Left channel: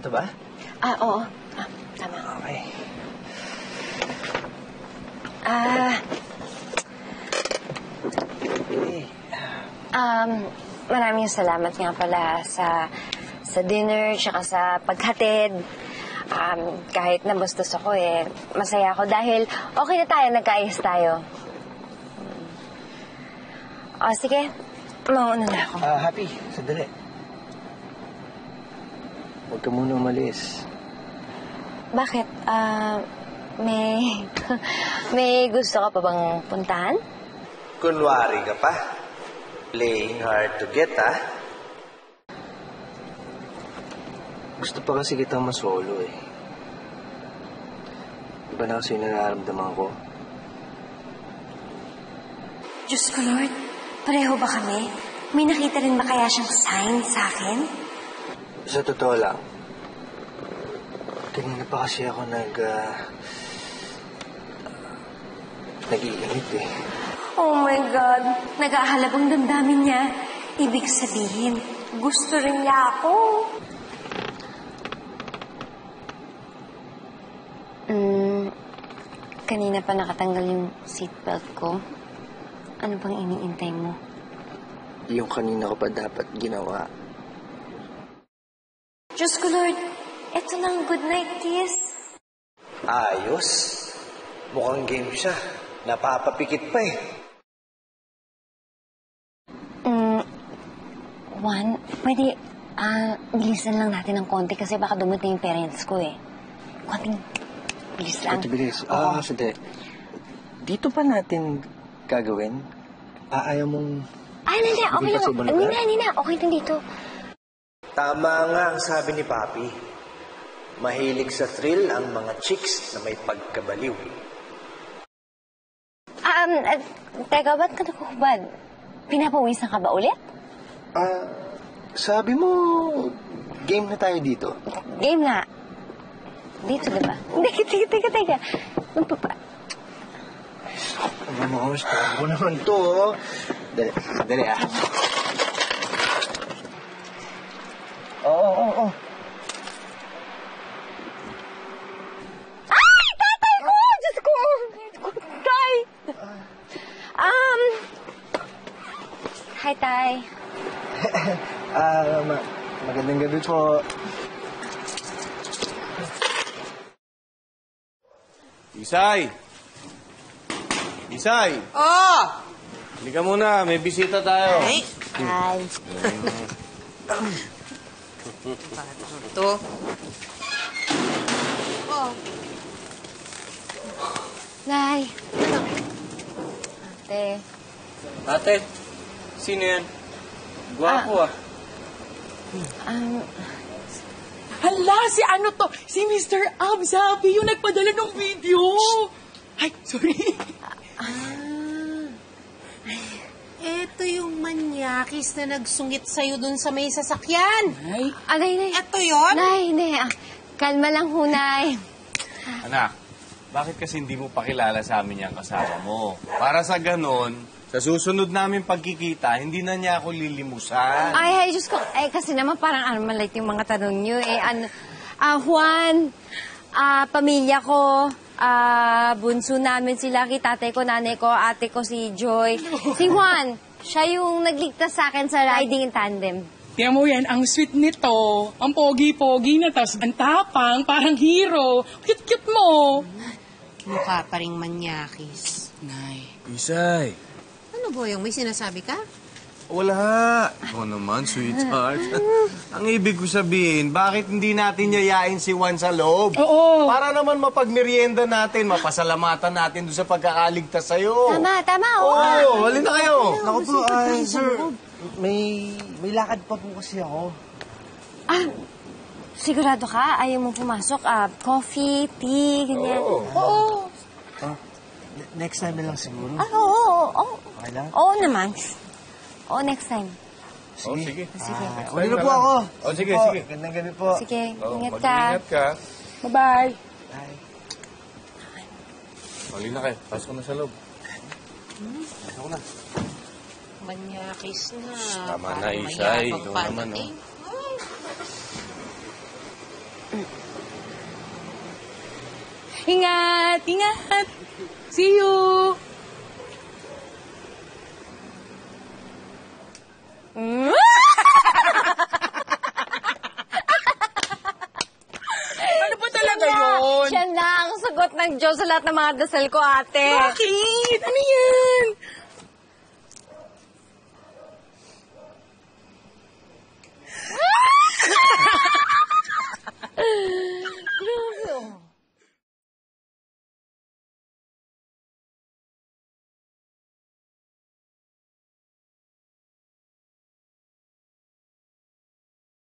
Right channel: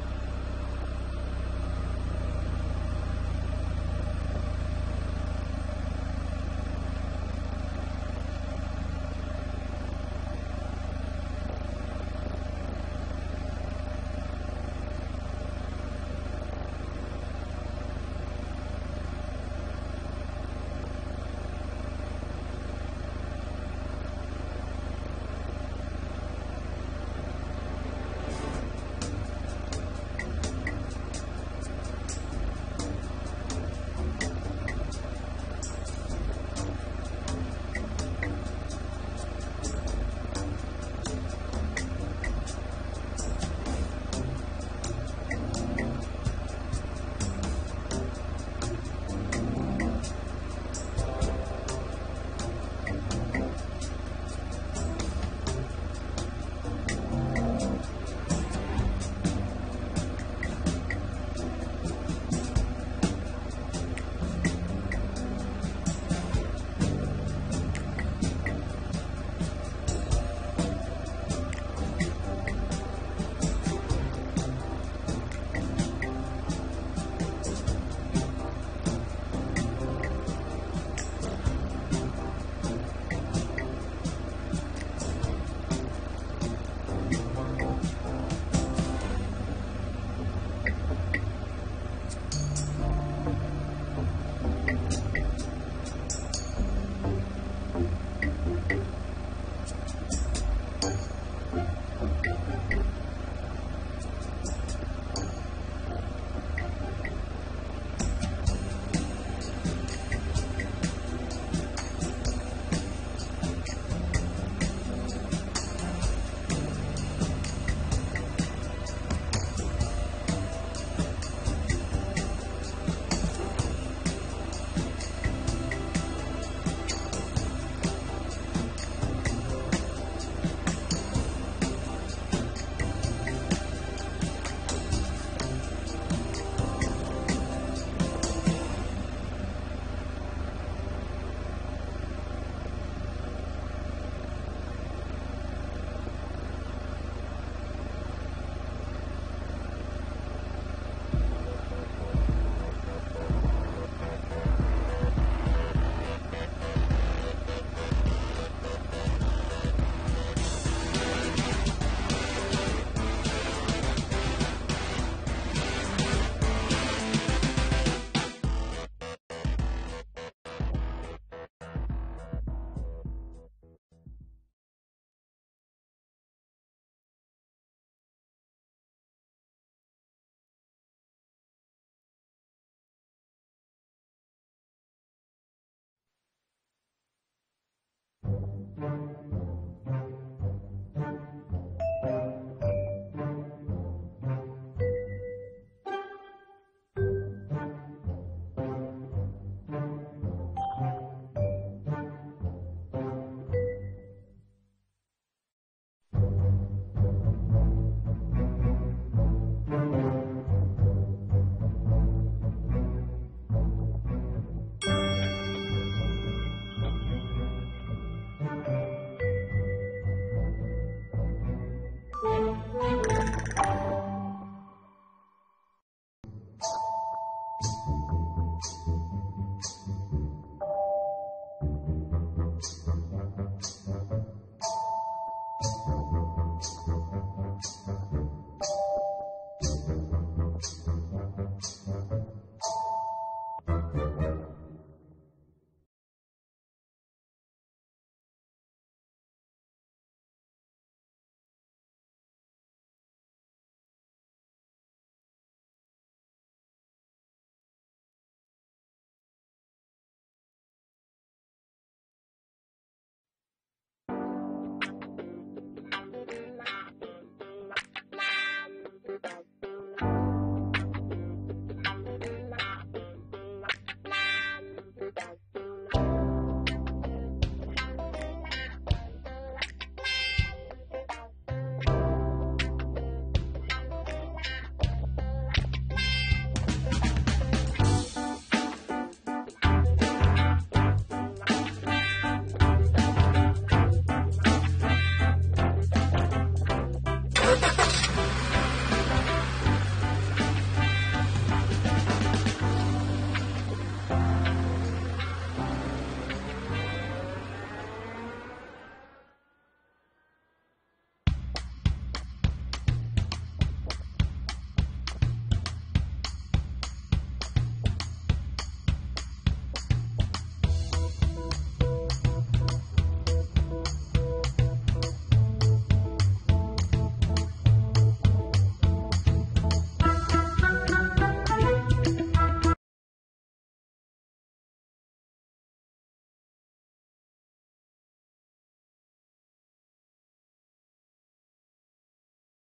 Ito ba? Oo. Tama. Okay. Maraming salamat nga pala sa dinner, tsaka sa paghatid. Kahit nabastos ako masaya ako dahil okay na tayo, nagkaayos tayo. Sige. Mauna na ako. Happy, sandali. Huwag ka muna umalis. Bakit? May gusto ka pa bang puntahan? Kunwari ka pa. Playing hard to get, ha? Gusto pa kasi kitang masolo, Iba na kasi nararamdaman ko. Diyos ko, Lord. Pareho ba kami? May nakita rin ba kaya siyang sign sa akin? Sa totoo lang, kanina pa kasi ako nag-iinit, Oh my God. Nag-aahalabang damdamin niya. Ibig sabihin, gusto rin niya ako. Kanina pa nakatanggal yung seatbelt ko. Ano bang iniintay mo? Yung kanina ko pa dapat ginawa. Diyos ko, Lord. Ito na ang good night kiss. Ayos. Mukhang game siya. Napapapikit pa Juan, pwede, bilisan lang natin ng konti kasi baka dumating yung parents ko Juan, bilis lang. Bilis. Sandali. Dito pa natin gagawin? Ayaw mong... Hindi. Okay lang. Nina. Okay lang dito. Tama nga ang sabi ni Papi. Mahilig sa thrill ang mga chicks na may pagkabaliw. Teka, ba't ka nakukubad? Pinapawisan ka ba ulit? Sabi mo, game na tayo dito. Game na. Dito, diba? Hindi, teka. Mas, ako naman to, Dali, Oo. Ay! Tatay ko! Diyos ko! Tay! Hi, Tay. Magandang gabi po. Isay! Oh! Halika muna, may bisita tayo. Ay! Hi. Ito. Oh. Nay. Ate, sino yan? Gwapo Hala, si ano to? Si Mr. Ab, sabi yung nagpadala ng video. Ay, sorry. Ito yung manyakis na nagsungit sa'yo dun sa may sasakyan. Nay. Ito yun? Nay. Kalma lang ho, Nay. Anak, bakit kasi hindi mo pakilala sa amin yung kasama mo? Para sa ganon, sa susunod namin pagkikita, hindi na niya ako lilimusan. Ay, Diyos ko. Kasi naman parang maliit yung mga tanong nyo. Juan, pamilya ko, bunso namin sila, tatay ko, nanay ko, ate ko, si Joy. Si Juan, siya yung nagligtas sa akin sa riding in tandem. Tiyan mo yan, ang sweet nito. Ang pogi-pogi na, tas ang tapang, parang hero. Cute-cute mo. Mukha pa ring manyakis. Nay. Isay. Ano, Boyong? May sinasabi ka? Wala. Ikaw naman, sweetheart. Ang ibig ko sabihin, bakit hindi natin yayain si Juan sa loob? Oo. Para naman mapagmerienda natin, mapasalamatan natin doon sa pagkakaligtas sa'yo. Tama. Oo, halin na kayo. Naku po, sir, may lakad pa po kasi ako. Sigurado ka? Ayaw mo pumasok? Coffee, tea, ganyan? Oo. Next time na lang siguro. Oo. Okay lang? Oo naman. Oo, next time. Sige. Sige. Balik na po ako. Sige. Gandang gabi po. Sige, Oo, ingat ka. mag-ingat ka. Bye-bye. Halin na kayo. Pasok na sa loob. Manyakis na. Tama na, Isay. Paano eh? Ingat, ingat. See you. Ano ba talaga yun? Siya na ang sagot ng Diyos sa lahat ng mga dasal ko, ate. Bakit? Ano yan?